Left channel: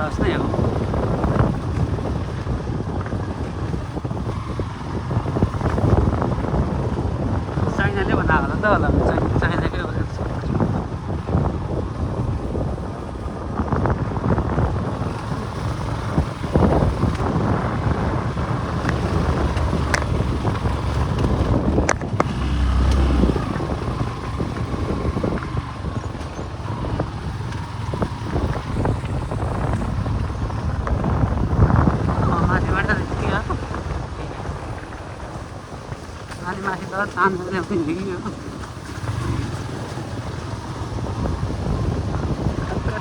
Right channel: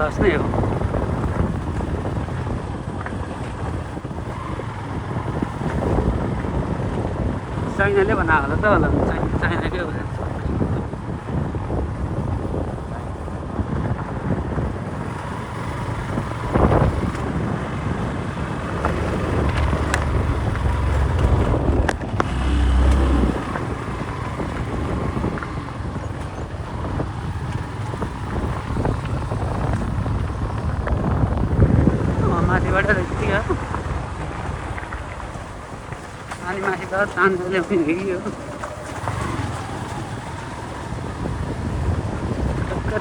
खलास नै हो। चाइनाले बनाएको होला त होला चाइनाकै हो। अनि माथि त तानेर ल्याउने हिँडियो।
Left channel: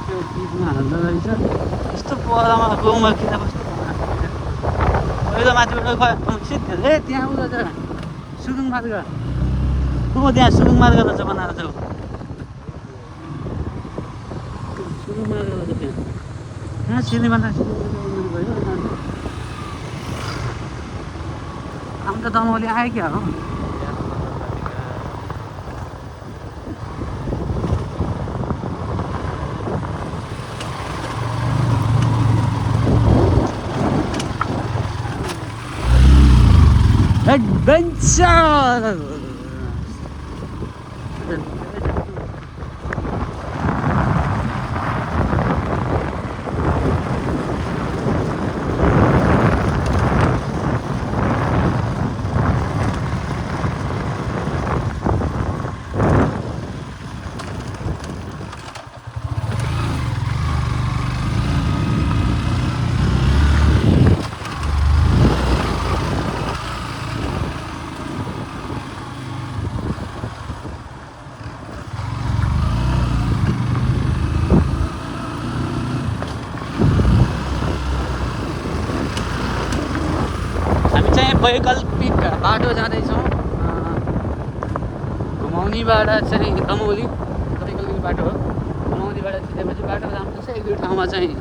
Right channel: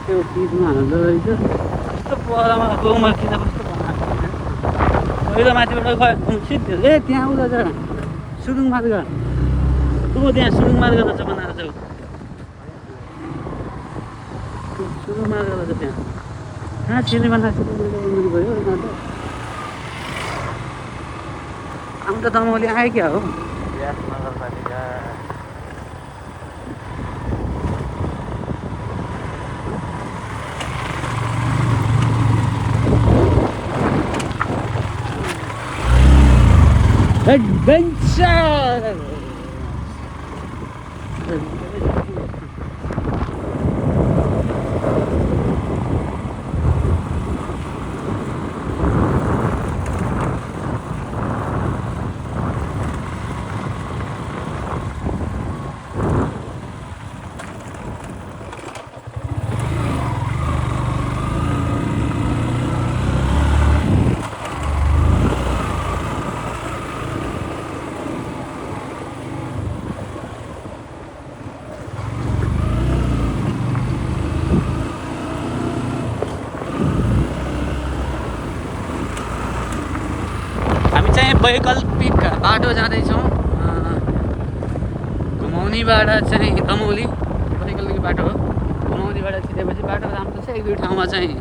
त्यो पिचमा हाल्दो रहेछ। यस्तो पहरामा गाउँमा किन कस्तो पहिलो माथिबाट सिद्धि ए त्यहाँ उता जा सुरुङ मार्ग तँ त्यहाँ सुरुङ मार्ग रहेछ बनाएर जाऊ। सुरुङ मार्ग रहेछ त्यहाँ सिनेमा गयो आउनु त दमौली आयो क्या हो। Adventure! वैकल्पिक बाटो जाँदैछौँ। घुमाउनीबाट चाहिँ दमौली वैकल्पिक बाटो हो। दमौलीबाट छिरेपछि बाटो राम्रो छ। एक दुई ठाउँमा चाहिँ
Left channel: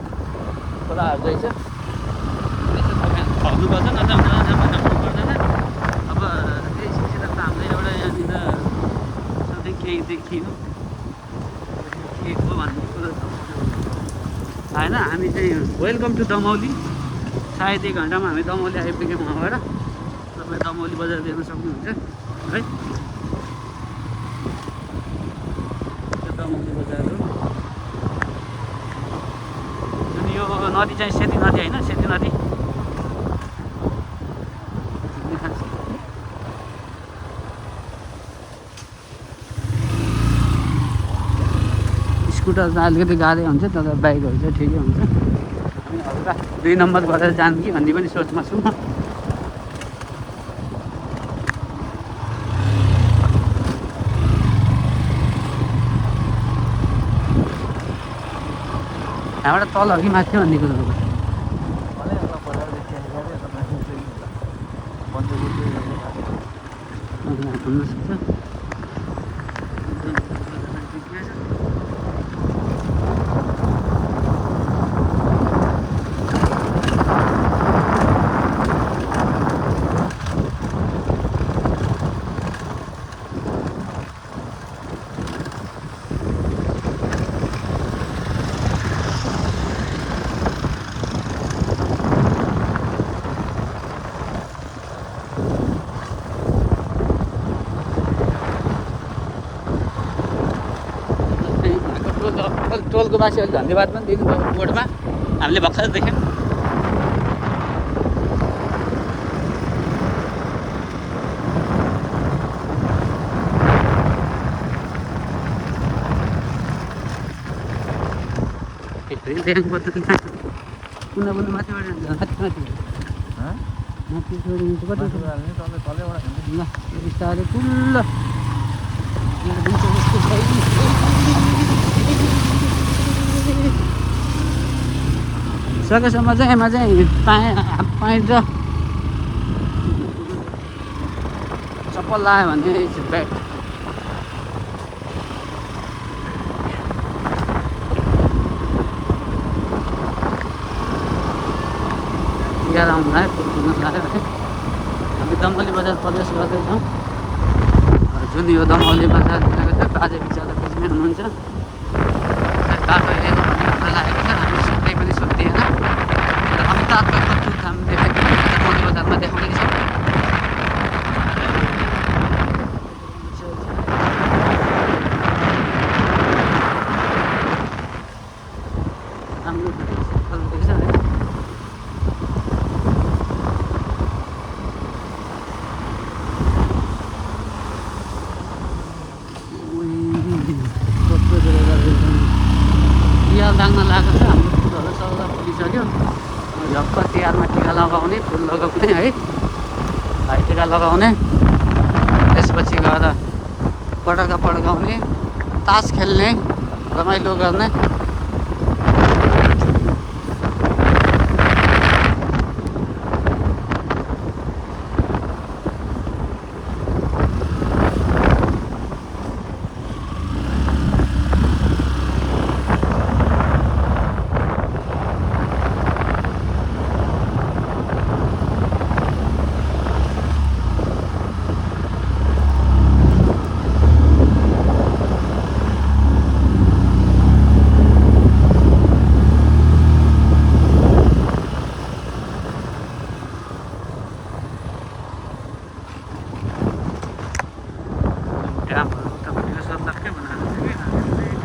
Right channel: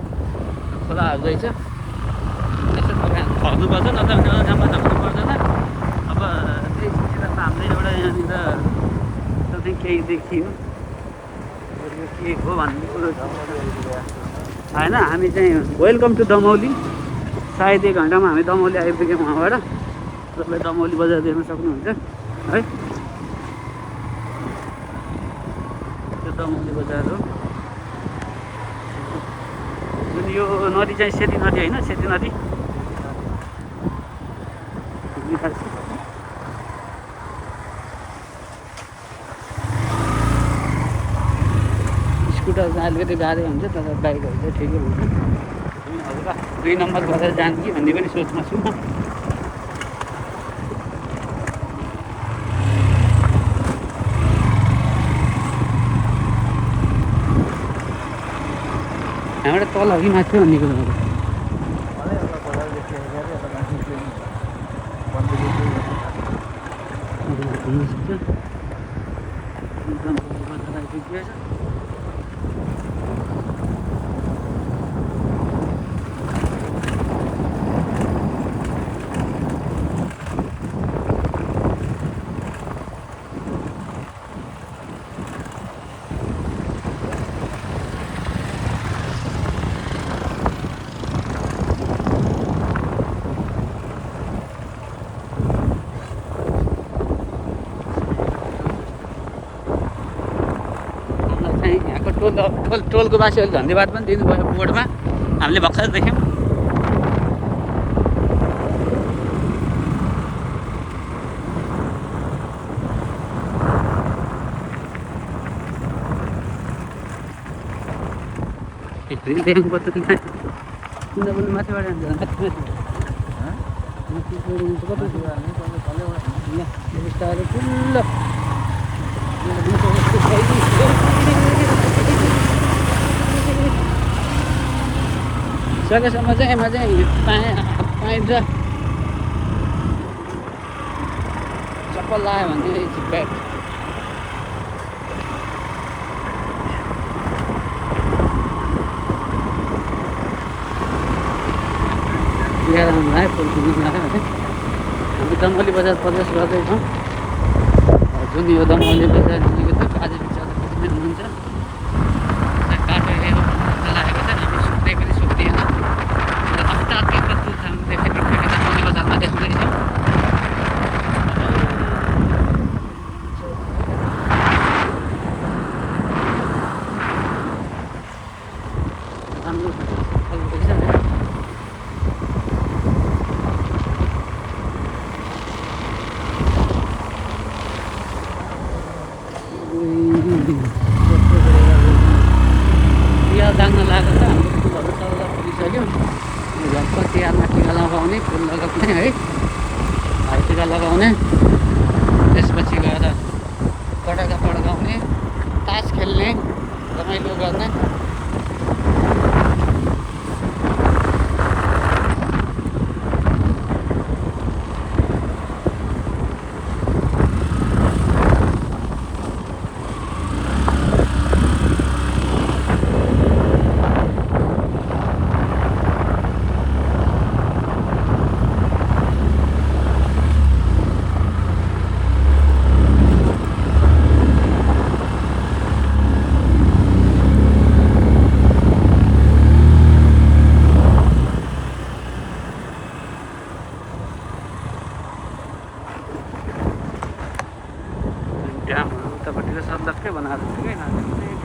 खोलाहरू रहेछ। त्यसो फर्नुपर्छ नत्र नराम्रो पर्दैन। अब त्यही सिलसिला त हाम्रो एउटा यहाँनिर सधैँ केही देखियो के हो भन्ने कुरो होइन। हामी चाहिँ वेलकम टु दमौली। सायद 1 घन्टामा हामी दमौली आइपुग्यौँ। वहाँबाट तपाईँलाई दमौली बजार देख्न सक्नुहुन्छ है। त्यो दमौली बजार हो। जुन यो नदी चाहिँ सेती नदी होइन, सेती नदी स्कुटर चाहिँ अलिकति गाह्रो हुन्छ तर बाइकहरू चाहिँ ठिकै हुन्छ। 2 नम्बर गरेर जानु कि भन्ने पनि सोचमा छु म। हामीबाट तल हो कि माथि भन्ने कुरो टोलको मान्छेहरूले धन्यवाद पनि दिनुभयो बोर्डमा। हामीले भर्खर देख्यौँ। देख्नुपर्छ किनभने माथिबाट ठुलो सकेसम्म चाहिँ एमा चाहिँ पाइन्छ। चप्पल लगायो भने चाहिँ छिट्टै हामी दमौली बजार प्रवेश गर्दैछौँ। जुन यो दमौली बजार आज विचार हुनुहुन्छ बाटो लागेको छ। सुत्दै पनि सुत्दैन। लाग्न लागेको छ। हाम्रो फुलहरू सौदा पुगिसक्यो। झप्प तिहारमा टिका लगाउने, फुल लगाउने है, भाइटिका लगाउने, त्यसपछि गएर पटाका पड्काउने, तास खेल्ने, रमाइलो गर्ने। ड्यामहरू उतापट्टिको सन्दककै बनाएर चाहिँ